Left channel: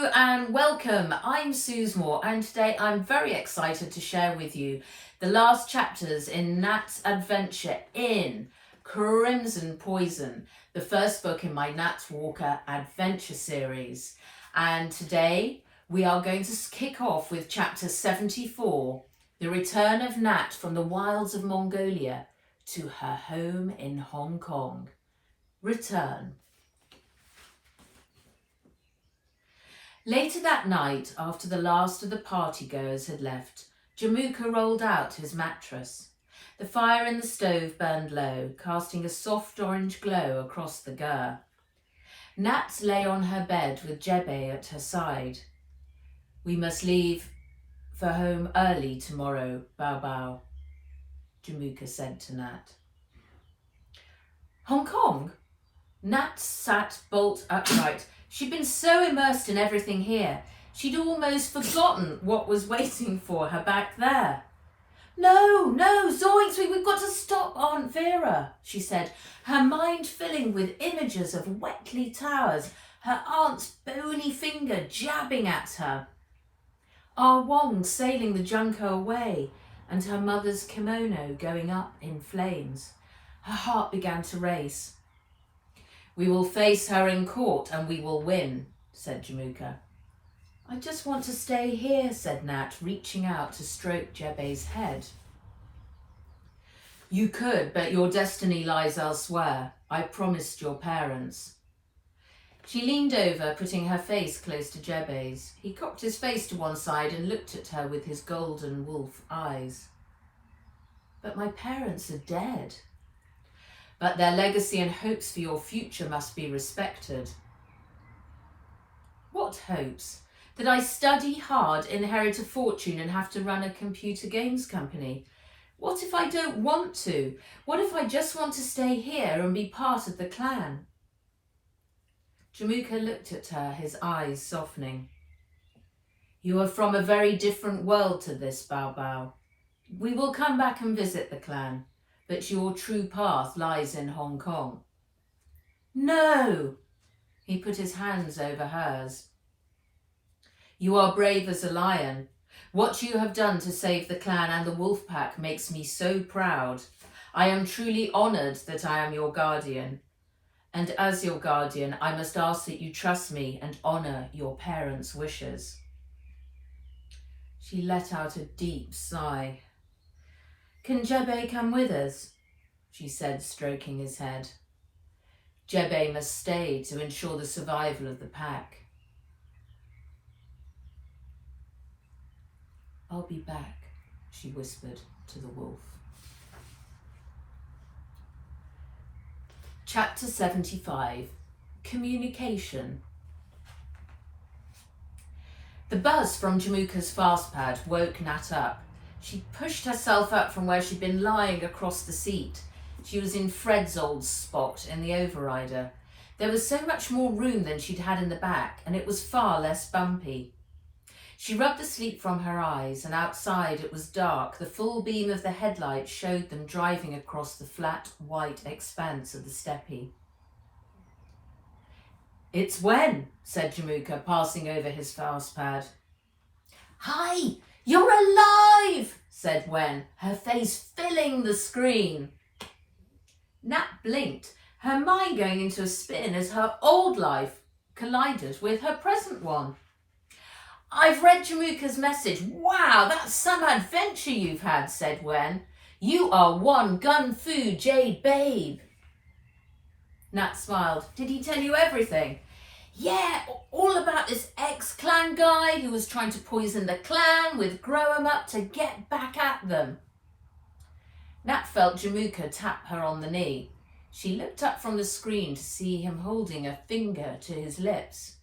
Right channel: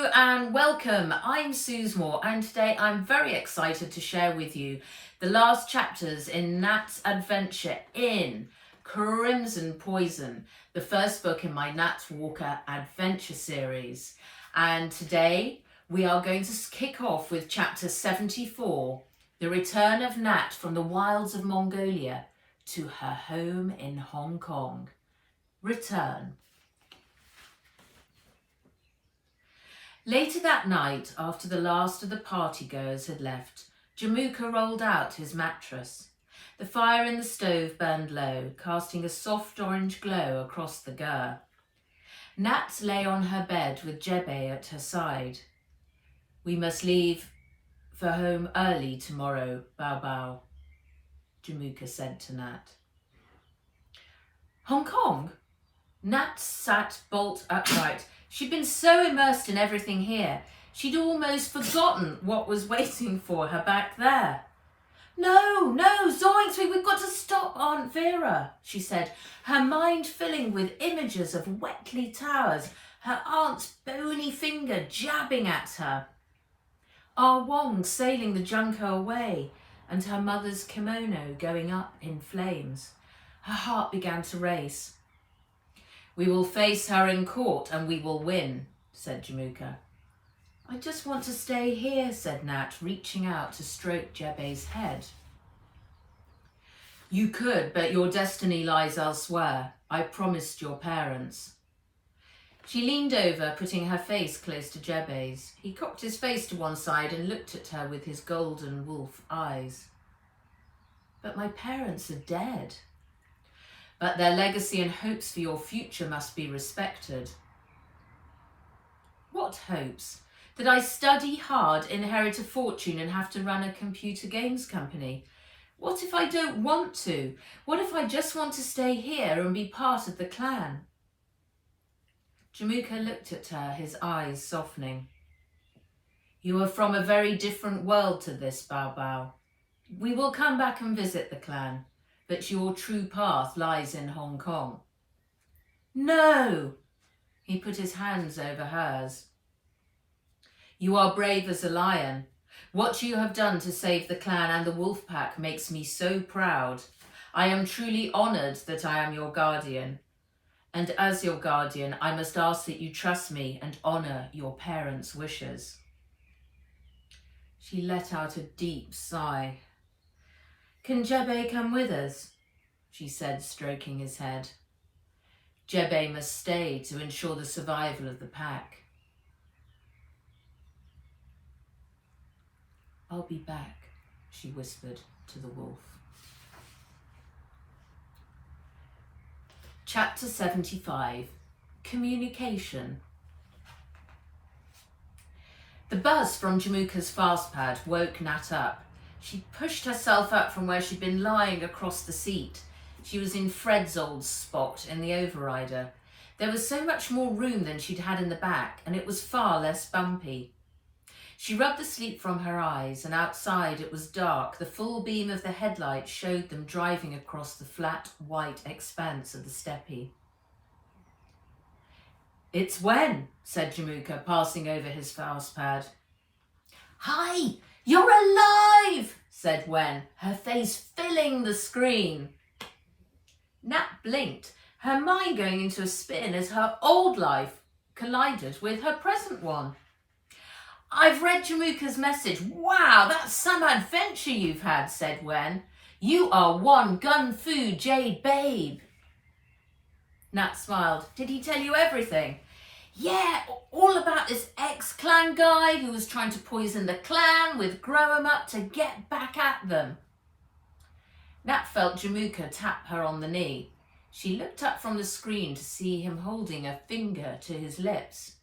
Hello and welcome. I'm Suze and today I'm very excited to share with you the last chapters in Nat's adventure in Crimson Poison, the first book in my Nat Walker adventure series. And today we are going to kick off with chapter 74, the return of Nat from the wilds of Mongolia to her home in Hong Kong. Return. Later that night, after the last of the partygoers had left, Jamuka rolled out his mattress. The fire in the stove burned low, casting a soft orange glow across the gur. Nat lay on her bed with Jebe at her side. "We must leave for home early tomorrow, Bao Bao," Jamuka said to Nat. Hong Kong? Nat sat bolt upright. She'd been so immersed in everything here, she'd almost forgotten what was waiting for her back there. No, zoinks, we've got to stop Aunt Vera," she said, her mind filling with images of Wetley Towers, her aunt's bony finger jabbing at her, Ah Wong sailing the junco away, and her mother's kimono going up in flames. Her heart began to race. "We will face her in court and we will win," said Jamuka. "I just want to stay here," said Nat, reaching out to stroke Jebe's head. "You could, but your destiny lies elsewhere. I promised your parents." She leaned over, putting her face close to Jebe's. He cocked his face to one side and looked at her with his golden wolf eyes. "But my parents are dead." "But their legacy and hopes for your future must be respected." "What hopes? That I study hard, inherit a fortune and have to run a computer games company? What if I don't want to? What if I just want to stay here and be part of the clan?" Jamuka looked at her, his eyes softening. "You are from a very different world to this, Bao Bao. We will come back and visit the clan, but your true path lies in Hong Kong." "No!" He put his hands over hers. "You are brave as a lion. What you have done to save the clan and the wolf pack makes me so proud. I am truly honoured that I am your guardian. And as your guardian, I must ask that you trust me and honour your parents' wishes." She let out a deep sigh. "Can Jebe come with us?" she said, stroking his head. "Jebe must stay to ensure the survival of the pack." "I'll be back," she whispered to the wolf. Chapter 75, Communication. The buzz from Jamuka's fastpad woke Nat up. She pushed herself up from where she'd been lying across the seat. She was in Fred's old spot in the overrider. There was so much more room than she'd had in the back, and it was far less bumpy. She rubbed the sleep from her eyes, and outside it was dark. The full beam of the headlight showed them driving across the flat, white expanse of the steppe. "It's Wen," said Jamuka, passing over his fastpad. "Hi! You're alive!" said Wen, her face filling the screen. Nat blinked, her mind going into a spin as her old life collided with her present one. "I've read Jamuka's message. Wow, that's some adventure you've had," said Wen. "You are one gun-fu jade babe." Nat smiled. "Did he tell you everything?" "Yeah, all about this ex-clan guy who was trying to poison the clan with grow-em-up to get back at them." Nat felt Jamuka tap her on the knee. She looked up from the screen to see him holding a finger to his lips.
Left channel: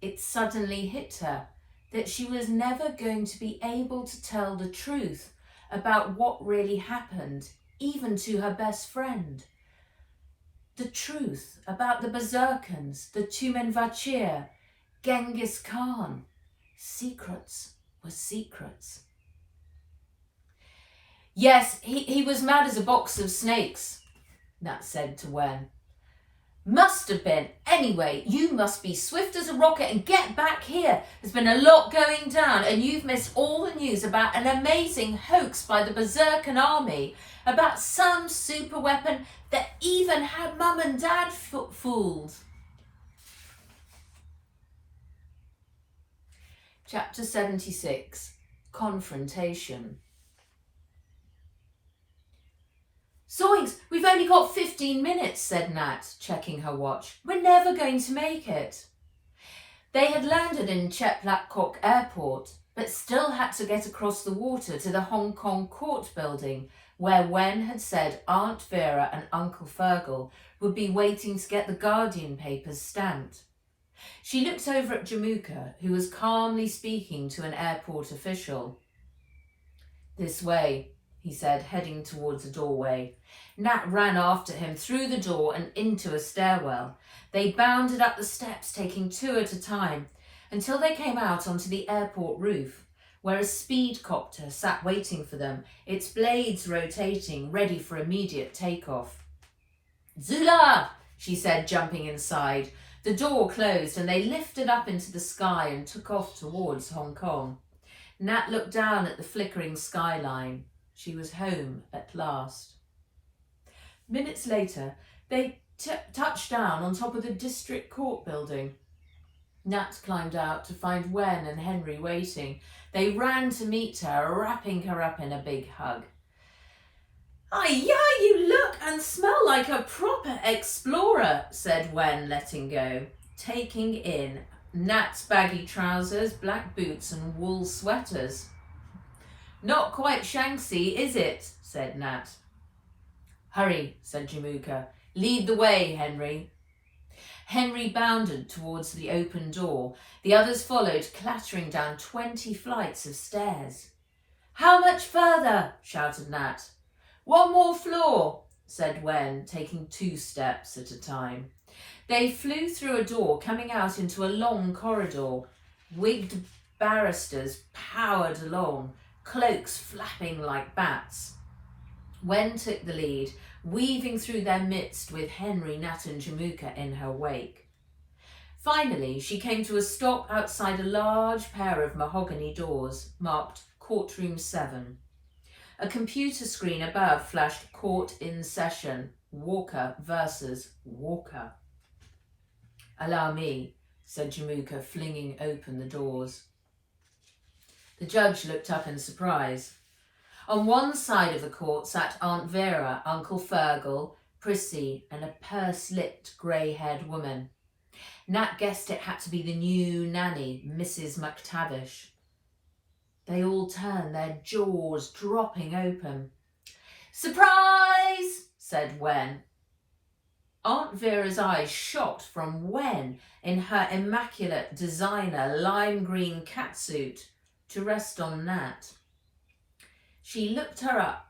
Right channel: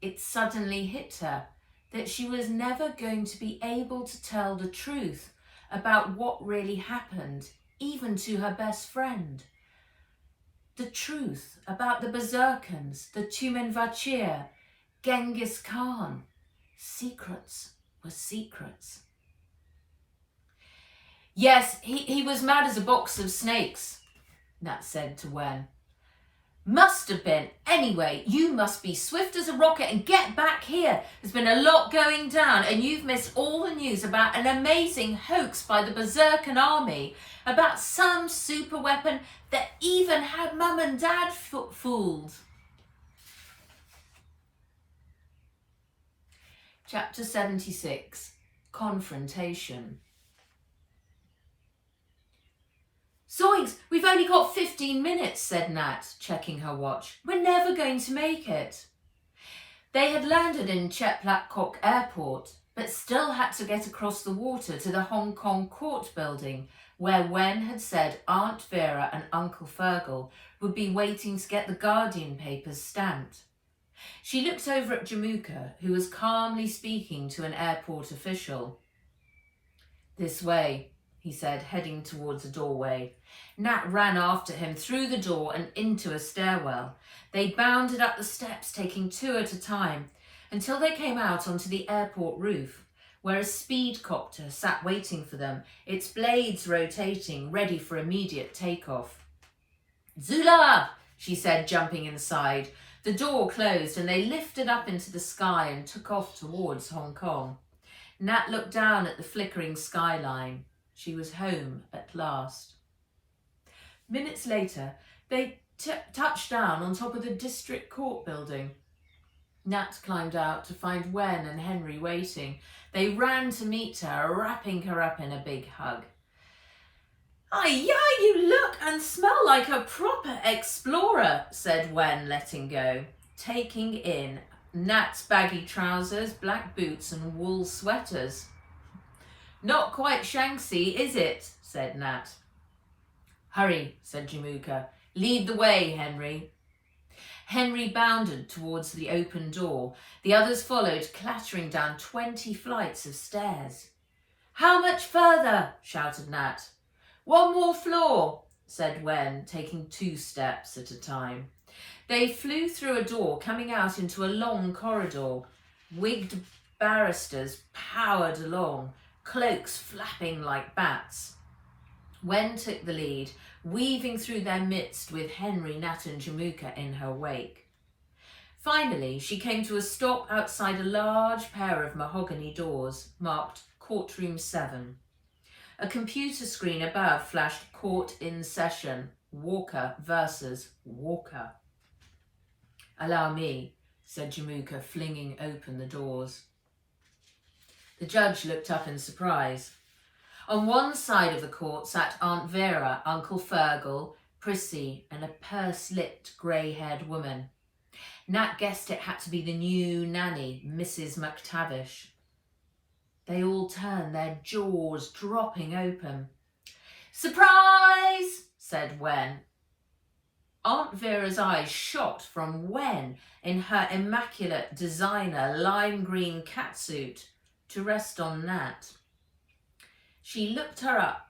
It suddenly hit her that she was never going to be able to tell the truth about what really happened, even to her best friend. The truth about the Berserkers, the Tumenvachir, Genghis Khan. Secrets were secrets. "Yes, he was mad as a box of snakes," Nat said to Wen. Must have been. Anyway, you must be swift as a rocket and get back here. There's been a lot going down and you've missed all the news about an amazing hoax by the Berserker army about some super weapon that even had Mum and Dad fooled. Chapter 76, Confrontation. Zoinks, we've only got 15 minutes, said Nat, checking her watch. We're never going to make it. They had landed in Chetlapcock Airport, but still had to get across the water to the Hong Kong court building, where Wen had said Aunt Vera and Uncle Fergal would be waiting to get the Guardian papers stamped. She looked over at Jamuka, who was calmly speaking to an airport official. This way, he said, heading towards a doorway. Nat ran after him through the door and into a stairwell. They bounded up the steps, taking two at a time, until they came out onto the airport roof, where a speedcopter sat waiting for them, its blades rotating, ready for immediate takeoff. Zula! She said, jumping inside. The door closed and they lifted up into the sky and took off towards Hong Kong. Nat looked down at the flickering skyline. She was home at last. Minutes later, they touched down on top of the district court building. Nat climbed out to find Wen and Henry waiting. They ran to meet her, wrapping her up in a big hug. Yeah, you look and smell like a proper explorer, said Wen, letting go, taking in Nat's baggy trousers, black boots and wool sweaters. Not quite Shanxi, is it? Said Nat. Hurry, said Jamuka. Lead the way, Henry. Henry bounded towards the open door. The others followed, clattering down 20 flights of stairs. How much further? Shouted Nat. One more floor, said Wen, taking 2 steps at a time. They flew through a door, coming out into a long corridor. Wigged barristers powered along, cloaks flapping like bats. Wen took the lead, weaving through their midst with Henry, Nat and Jamuka in her wake. Finally, she came to a stop outside a large pair of mahogany doors, marked Courtroom 7. A computer screen above flashed Court in Session, Walker versus Walker. Allow me, said Jamuka, flinging open the doors. The judge looked up in surprise. On one side of the court sat Aunt Vera, Uncle Fergal, Prissy, and a purse-lipped, grey-haired woman. Nat guessed it had to be the new nanny, Mrs. McTavish. They all turned, their jaws dropping open. Surprise, said Wen. Aunt Vera's eyes shot from Wen in her immaculate designer lime green catsuit to rest on Nat. She looked her up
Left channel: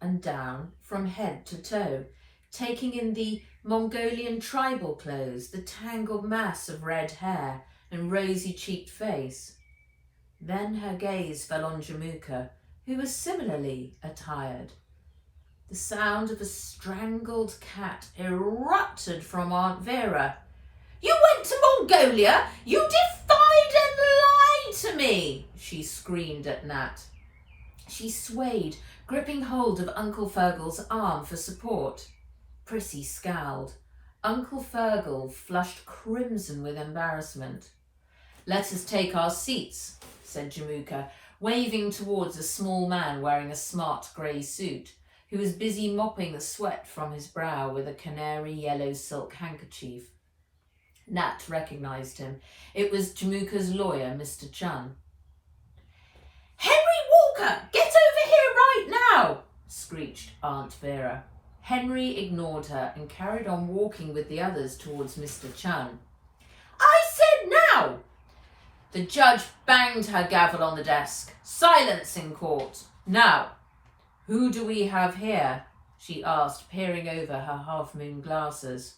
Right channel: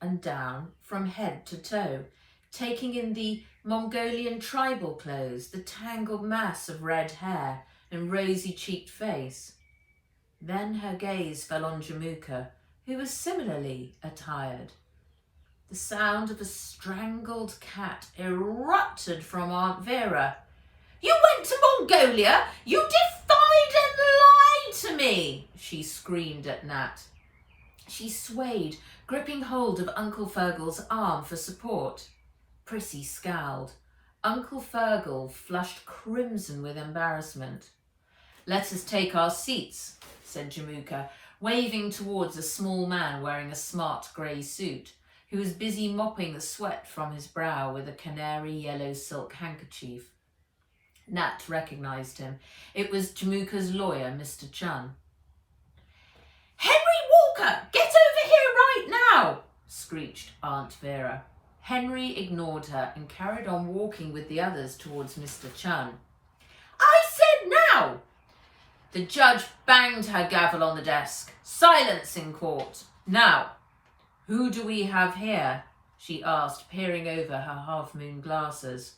and down from head to toe, taking in the Mongolian tribal clothes, the tangled mass of red hair and rosy-cheeked face. Then her gaze fell on Jamuka, who was similarly attired. The sound of a strangled cat erupted from Aunt Vera. You went to Mongolia? You defied and lied to me, she screamed at Nat. She swayed, gripping hold of Uncle Fergal's arm for support. Prissy scowled. Uncle Fergal flushed crimson with embarrassment. Let us take our seats, said Jamuka, waving towards a small man wearing a smart grey suit, who was busy mopping the sweat from his brow with a canary yellow silk handkerchief. Nat recognised him. It was Jamuka's lawyer, Mr. Chun. Henry Walker, get over here right now, screeched Aunt Vera. Henry ignored her and carried on walking with the others towards Mr. Chun. I said now! The judge banged her gavel on the desk. Silence in court. Now, who do we have here? She asked, peering over her half-moon glasses.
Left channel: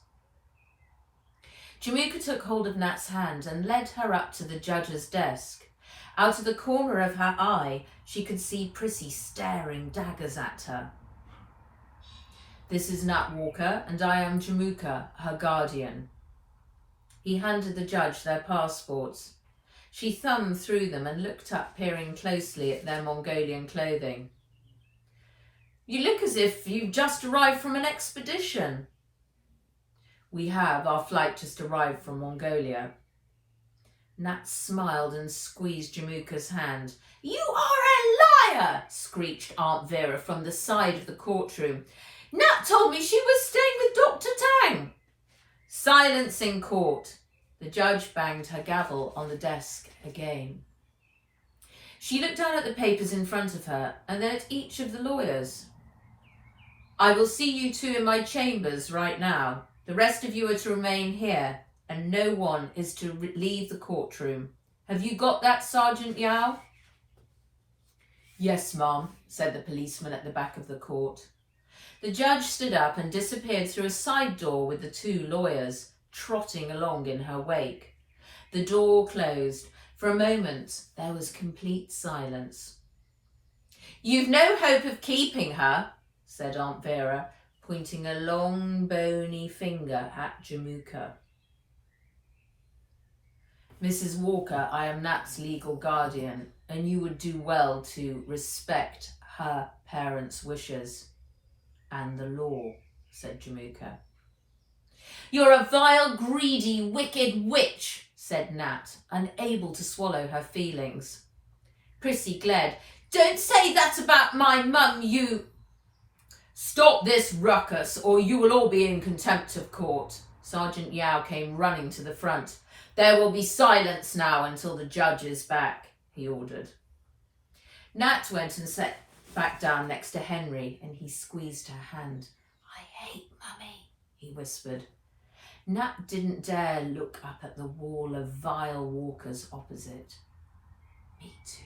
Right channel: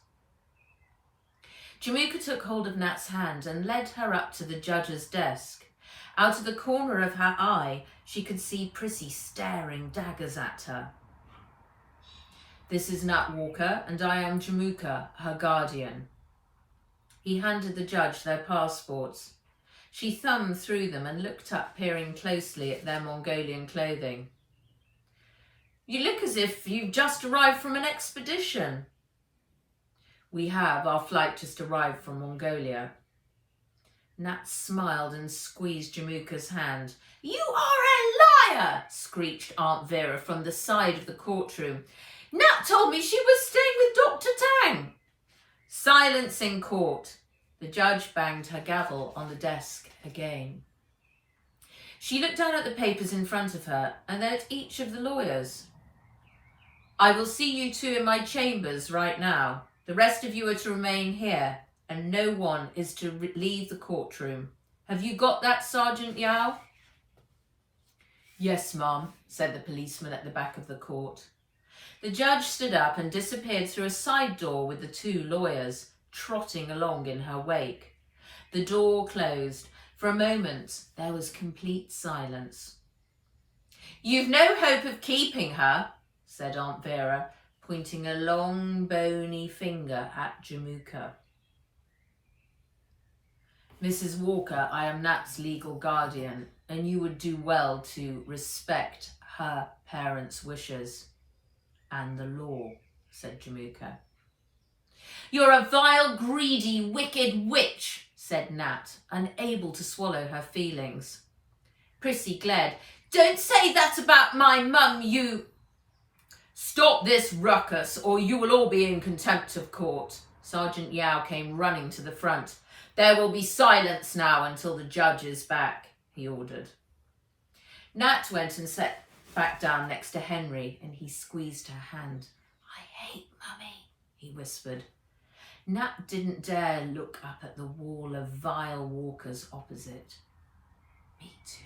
Jamuka took hold of Nat's hand and led her up to the judge's desk. Out of the corner of her eye, she could see Prissy staring daggers at her. This is Nat Walker, and I am Jamuka, her guardian. He handed the judge their passports. She thumbed through them and looked up, peering closely at their Mongolian clothing. You look as if you've just arrived from an expedition. We have. Our flight just arrived from Mongolia. Nat smiled and squeezed Jamuka's hand. You are a liar, screeched Aunt Vera from the side of the courtroom. Nat told me she was staying with Dr. Tang. Silence in court. The judge banged her gavel on the desk again. She looked down at the papers in front of her and then at each of the lawyers. I will see you two in my chambers right now. The rest of you are to remain here, and no one is to leave the courtroom. Have you got that, Sergeant Yao? Yes, ma'am, said the policeman at the back of the court. The judge stood up and disappeared through a side door with the two lawyers, trotting along in her wake. The door closed. For a moment, there was complete silence. You've no hope of keeping her, said Aunt Vera, pointing a long, bony finger at Jamuka. Mrs. Walker, I am Nat's legal guardian, and you would do well to respect her parents' wishes and the law, said Jamuka. You're a vile, greedy, wicked witch, said Nat, unable to swallow her feelings. Prissy glared. Don't say that about my mum, you... Stop this ruckus, or you will all be in contempt of court. Sergeant Yao came running to the front. There will be silence now until the judge is back, he ordered. Nat went and sat back down next to Henry, and he squeezed her hand. I hate Mummy, he whispered. Nat didn't dare look up at the wall of vile walkers opposite. Me too,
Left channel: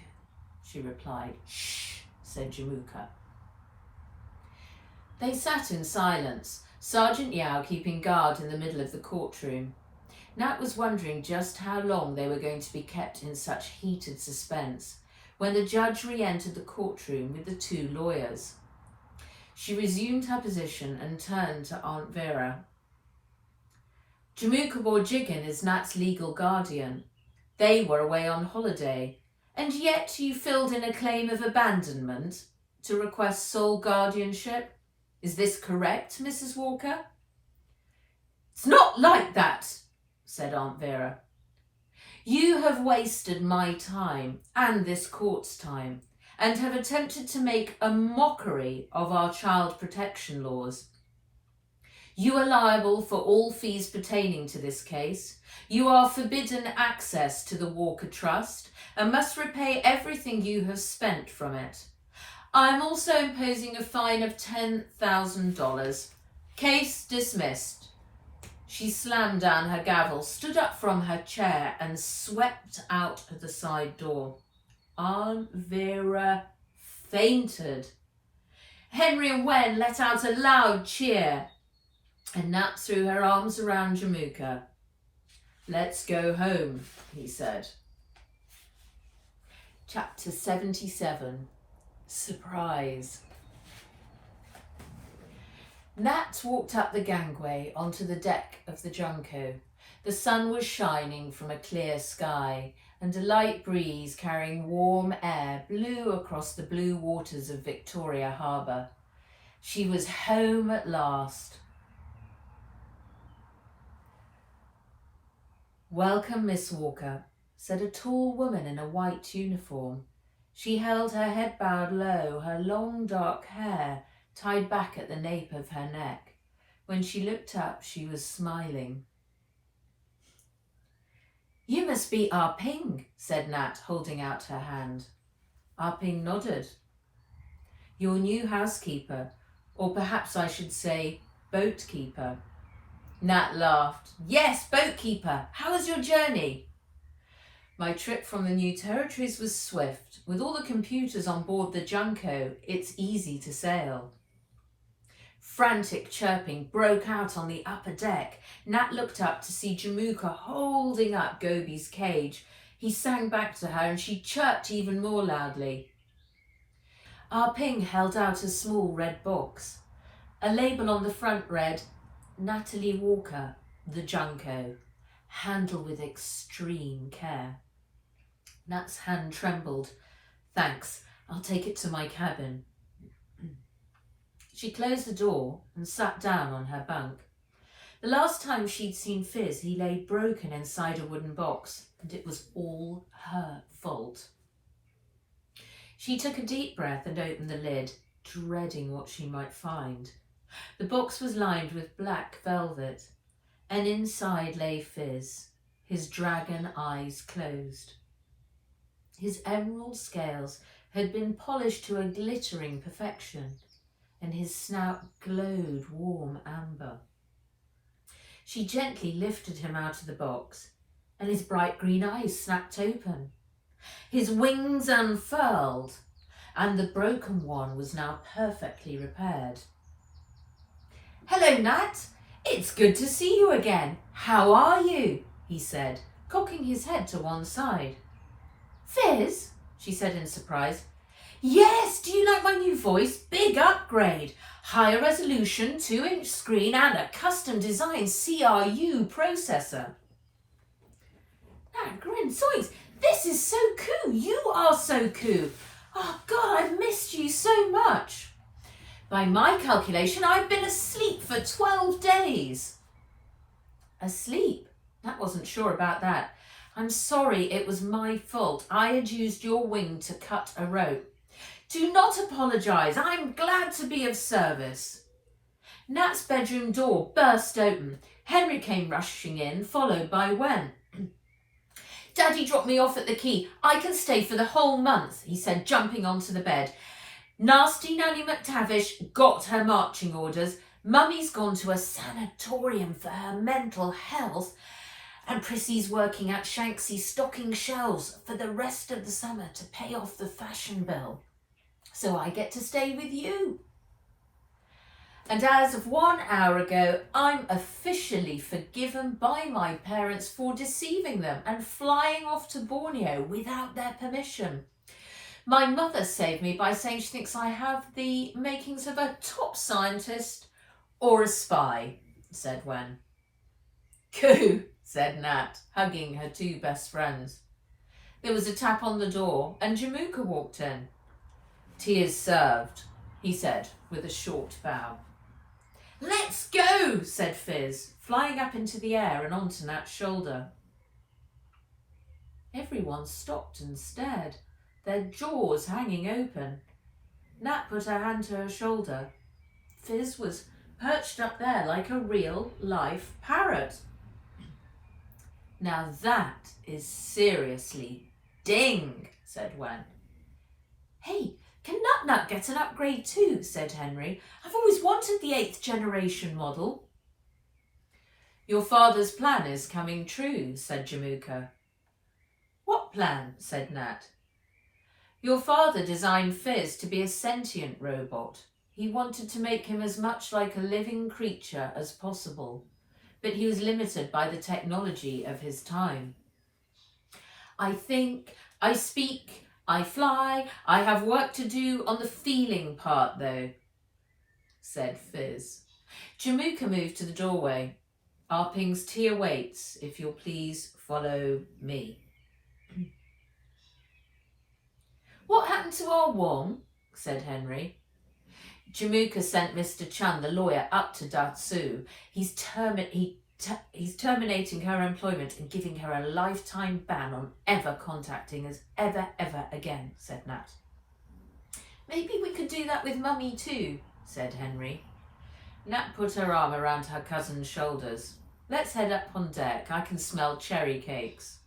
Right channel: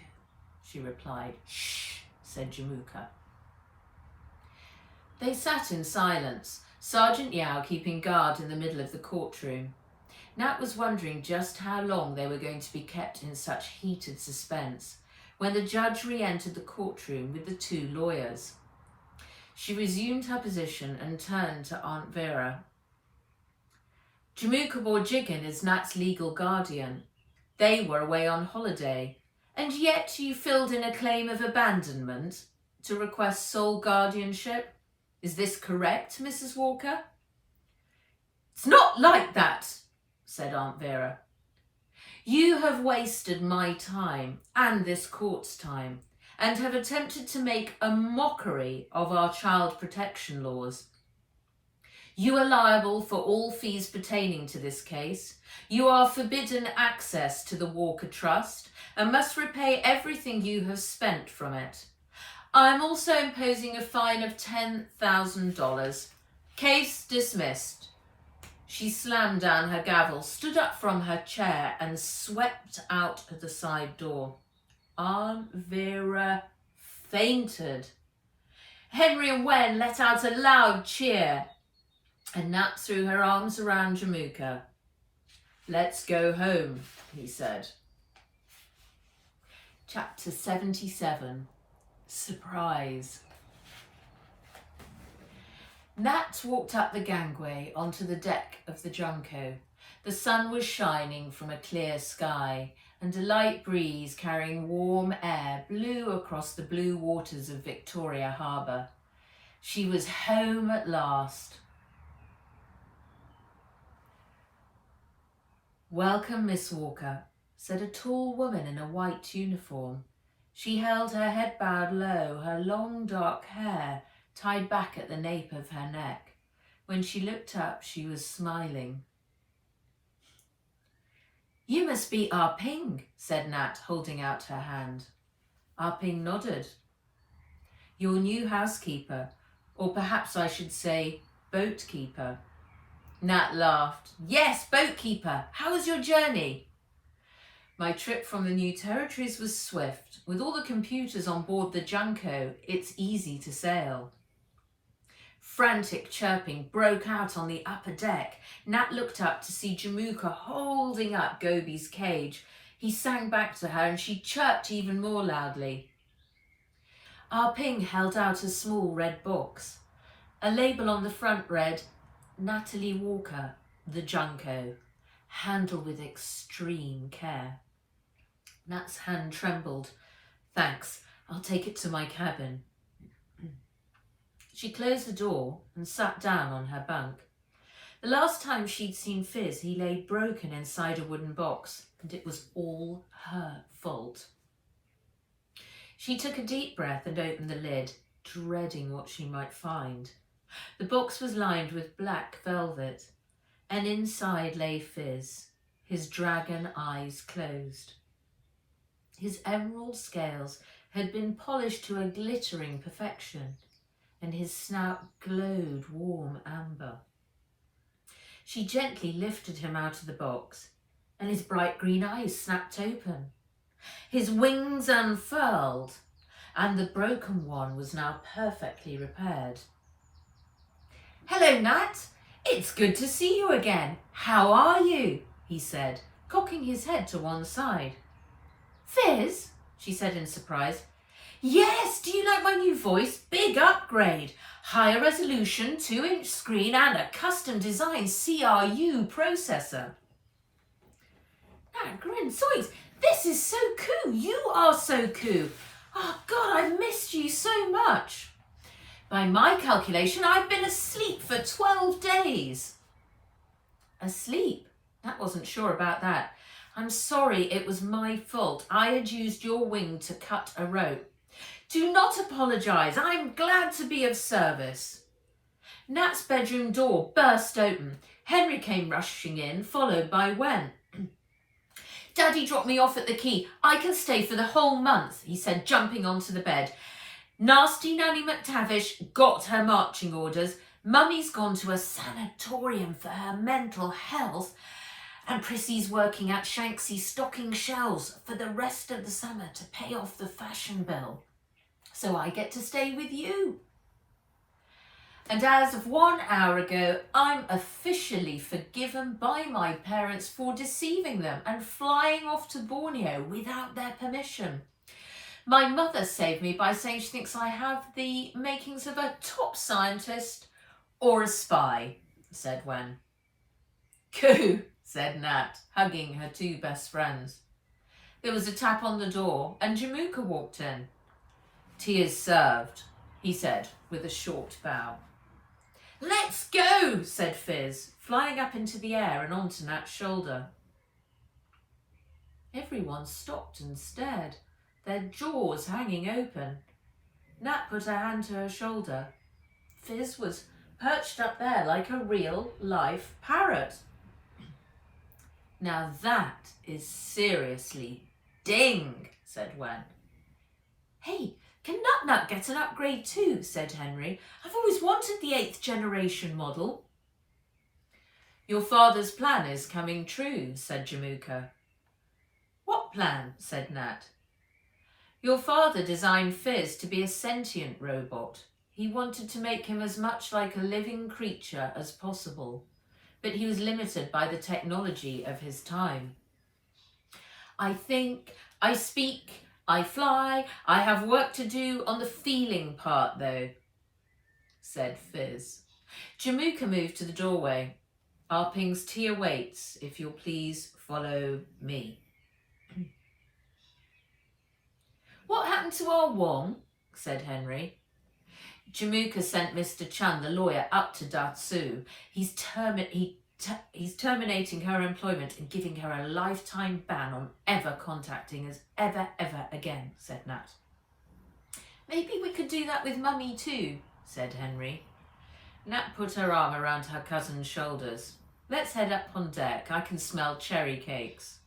she replied. Shh, said Jamuka. They sat in silence, Sergeant Yao keeping guard in the middle of the courtroom. Nat was wondering just how long they were going to be kept in such heated suspense when the judge re-entered the courtroom with the two lawyers. She resumed her position and turned to Aunt Vera. Jamuka Borjigan is Nat's legal guardian. They were away on holiday, and yet you filled in a claim of abandonment to request sole guardianship. Is this correct, Mrs. Walker? It's not like that, said Aunt Vera. You have wasted my time and this court's time and have attempted to make a mockery of our child protection laws. You are liable for all fees pertaining to this case. You are forbidden access to the Walker Trust and must repay everything you have spent from it. I'm also imposing a fine of $10,000. Case dismissed. She slammed down her gavel, stood up from her chair and swept out of the side door. Aunt Vera fainted. Henry and Wen let out a loud cheer, and Nat threw her arms around Jamuka. Let's go home, he said. Chapter 77. Surprise. Nat walked up the gangway onto the deck of the Junco. The sun was shining from a clear sky, and a light breeze carrying warm air blew across the blue waters of Victoria Harbour. She was home at last. Welcome, Miss Walker, said a tall woman in a white uniform. She held her head bowed low, her long dark hair tied back at the nape of her neck. When she looked up, she was smiling. You must be Ah Ping, said Nat, holding out her hand. Ah Ping nodded. Your new housekeeper, or perhaps I should say boatkeeper. Nat laughed. Yes, boatkeeper. How was your journey? My trip from the new territories was swift. With all the computers on board the Junco, it's easy to sail. Frantic chirping broke out on the upper deck. Nat looked up to see Jamuka holding up Gobi's cage. He sang back to her and she chirped even more loudly. Ah Ping held out a small red box. A label on the front read, Natalie Walker, the Junco. Handle with extreme care. Nat's hand trembled. Thanks, I'll take it to my cabin. She closed the door and sat down on her bunk. The last time she'd seen Fizz, he lay broken inside a wooden box, and it was all her fault. She took a deep breath and opened the lid, dreading what she might find. The box was lined with black velvet, and inside lay Fizz, his dragon eyes closed. His emerald scales had been polished to a glittering perfection, and his snout glowed warm amber. She gently lifted him out of the box, and his bright green eyes snapped open. His wings unfurled, and the broken one was now perfectly repaired. Hello, Nat. It's good to see you again. How are you? He said, cocking his head to one side. Fizz? She said in surprise. Yes, do you like my new voice? Big upgrade. Higher resolution, 2-inch screen and a custom designed CRU processor. Nat grinned. Zoinks, this is so cool. You are so cool. Oh God, I've missed you so much. By my calculation, I've been asleep for 12 days. Asleep? Nat wasn't sure about that. I'm sorry, it was my fault. I had used your wing to cut a rope. Do not apologise. I'm glad to be of service. Nat's bedroom door burst open. Henry came rushing in, followed by Wen. Daddy dropped me off at the quay. I can stay for the whole month, he said, jumping onto the bed. Nasty Nanny McTavish got her marching orders. Mummy's gone to a sanatorium for her mental health. And Prissy's working at Shanksy's stocking shelves for the rest of the summer to pay off the fashion bill. So I get to stay with you. And as of 1 hour ago, I'm officially forgiven by my parents for deceiving them and flying off to Borneo without their permission. My mother saved me by saying she thinks I have the makings of a top scientist or a spy, said Wen. Coo, said Nat, hugging her two best friends. There was a tap on the door and Jamuka walked in. Tea is served, he said with a short bow. Let's go, said Fizz, flying up into the air and onto Nat's shoulder. Everyone stopped and stared, their jaws hanging open. Nat put her hand to her shoulder. Fizz was perched up there like a real-life parrot. Now that is seriously ding, said Wen. Hey, can Nut get an upgrade too, said Henry. I've always wanted the 8th generation model. Your father's plan is coming true, said Jamuka. What plan? Said Nat. Your father designed Fizz to be a sentient robot. He wanted to make him as much like a living creature as possible, but he was limited by the technology of his time. I think, I speak, I fly, I have work to do on the feeling part though, said Fizz. Jamuka moved to the doorway. Arping's tea awaits, if you'll please follow me. What happened to our Wong? Said Henry. Jamuka sent Mr. Chan, the lawyer, up to Datsu. He's terminating her employment and giving her a lifetime ban on ever contacting us ever again, said Nat. Maybe we could do that with Mummy too, said Henry. Nat put her arm around her cousin's shoulders. Let's head up on deck. I can smell cherry cakes.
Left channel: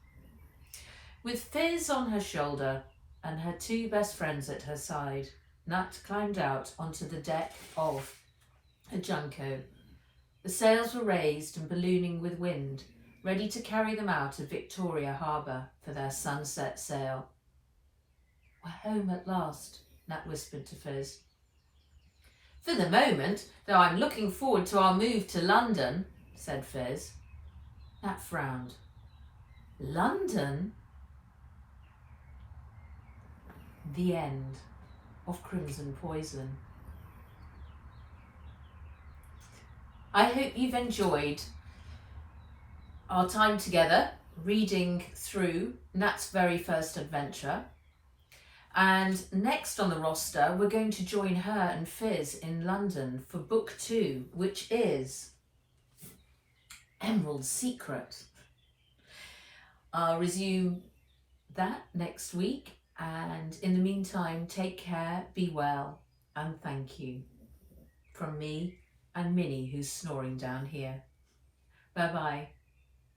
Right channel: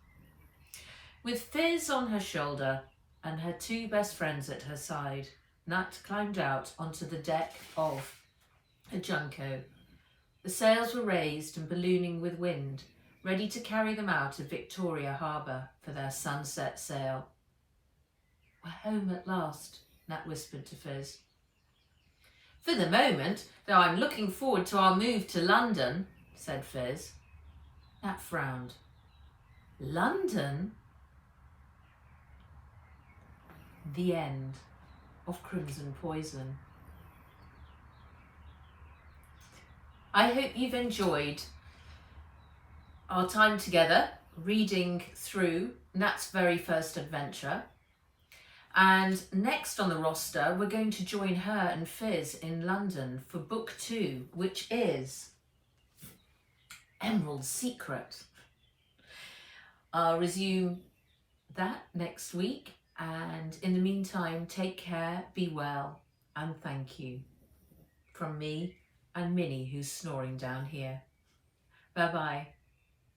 With Fizz on her shoulder and her two best friends at her side, Nat climbed out onto the deck of a Junco. The sails were raised and ballooning with wind, ready to carry them out of Victoria Harbour for their sunset sail. We're home at last, Nat whispered to Fizz. For the moment, though I'm looking forward to our move to London, said Fizz. Nat frowned. London? The end of Crimson Poison. I hope you've enjoyed our time together reading through Nat's very first adventure. And next on the roster, we're going to join her and Fizz in London for book 2, which is Emerald's Secret. I'll resume that next week. And in the meantime, take care, be well, and thank you. From me and Minnie, who's snoring down here. Bye-bye.